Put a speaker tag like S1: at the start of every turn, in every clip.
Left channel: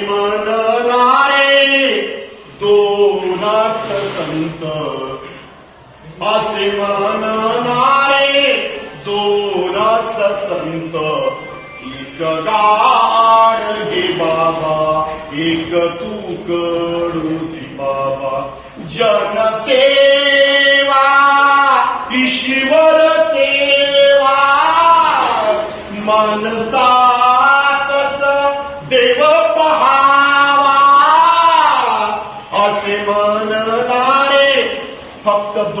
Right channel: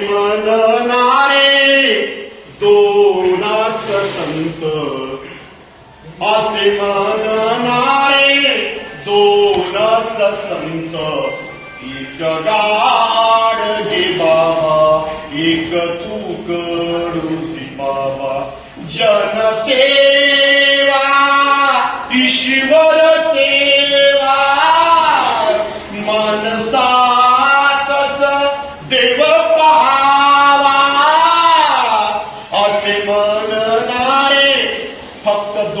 S1: म्हणणारे दोनाच संत. असे म्हणणारे दोनाच संत. एक गाड गे बाबा एक तू कडूची बाबा. जनसेवा ईश्वर सेवा मनसा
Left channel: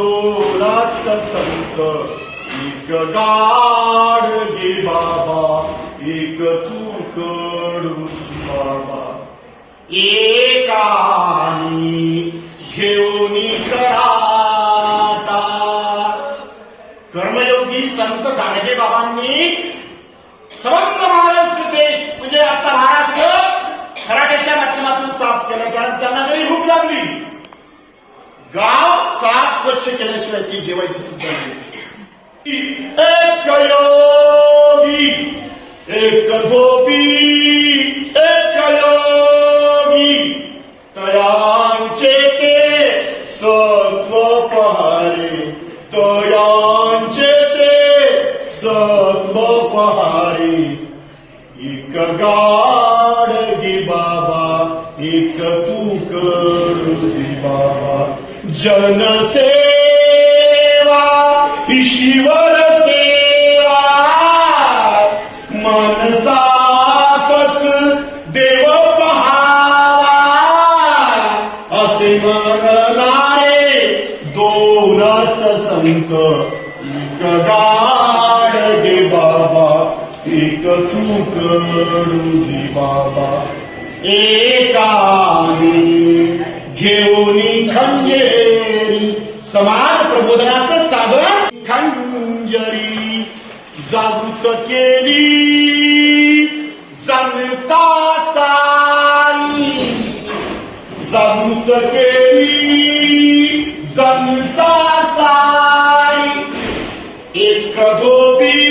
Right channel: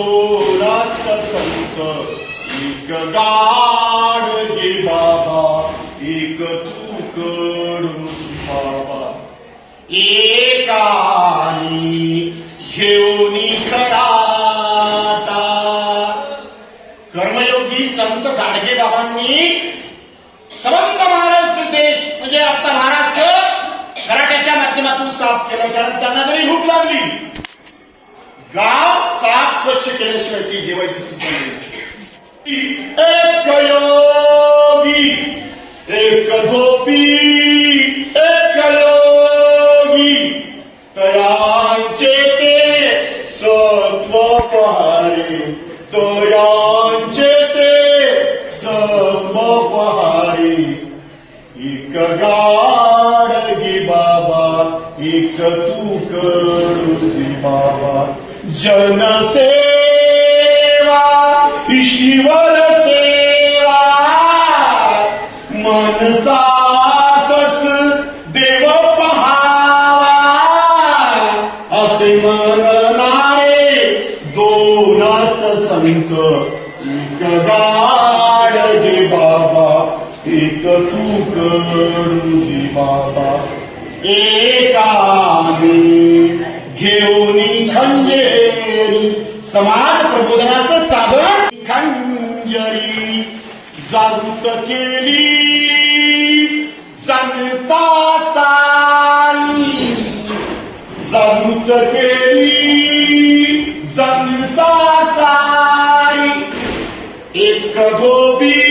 S1: थोराचा संत एक गाड गे बाबा एक तू कडू बाबा. एकानी घेऊन कराटा कर्मयोगी संत गाडगे बाबांनी सबंध महाराष्ट्र देश म्हणजे आजचा महाराष्ट्र खराट्याच्या माध्यमातून साफ केला. कारण त्यांना जरी भूक लागली गाव साफ स्वच्छ केल्याशिवाय ती जेवायची सुद्धा एक योगी एक धोबी एक योगी तयांचे ते सत्व पहारे तयांचे ते सत्व पहारे एक गाडगी बाबा एक तू कडूची बाबा। जनसेवा ईश्वर सेवा. मनसातच देव पहावा. असे म्हणणारे दोनच संत एक गाड दे बाबा एक तू कडूजी बाबा. एका घेऊन खंजेरी समाज प्रबोधनाचं साधन खंजरी जागृत केली जाणता साली. जागृत केली जाणता सारी एक गोबी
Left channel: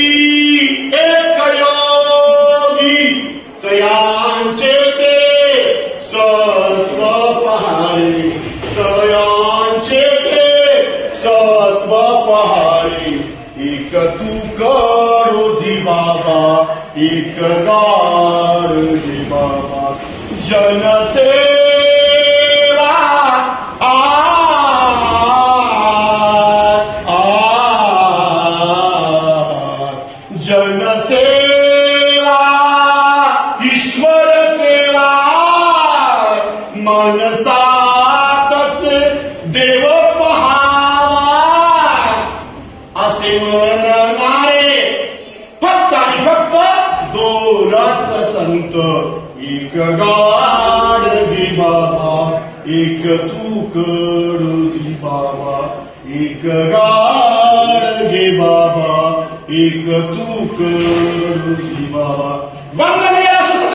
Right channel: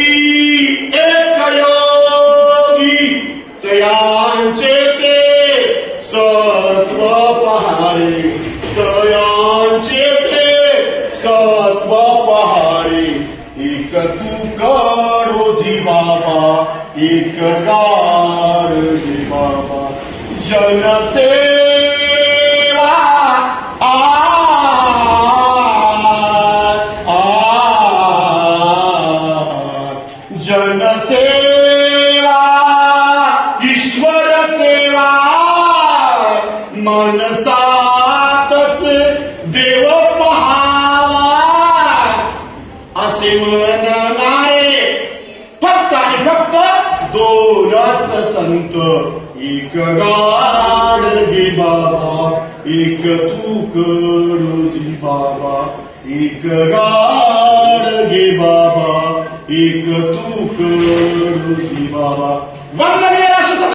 S1: तत्व पहारे एक तू कडोजी बाबा एक गाडी बाबा जनसेवा आ, आ, जनसेवा ईश्वर सेवा मनसातच देव असे नारे फक्त आणि फक्त दोनच संत. एक गाड गे बाबा एक तू कडोजी बाबा. एक गाड गे बाबा एक तू कडोजी बाबा. वंदनीय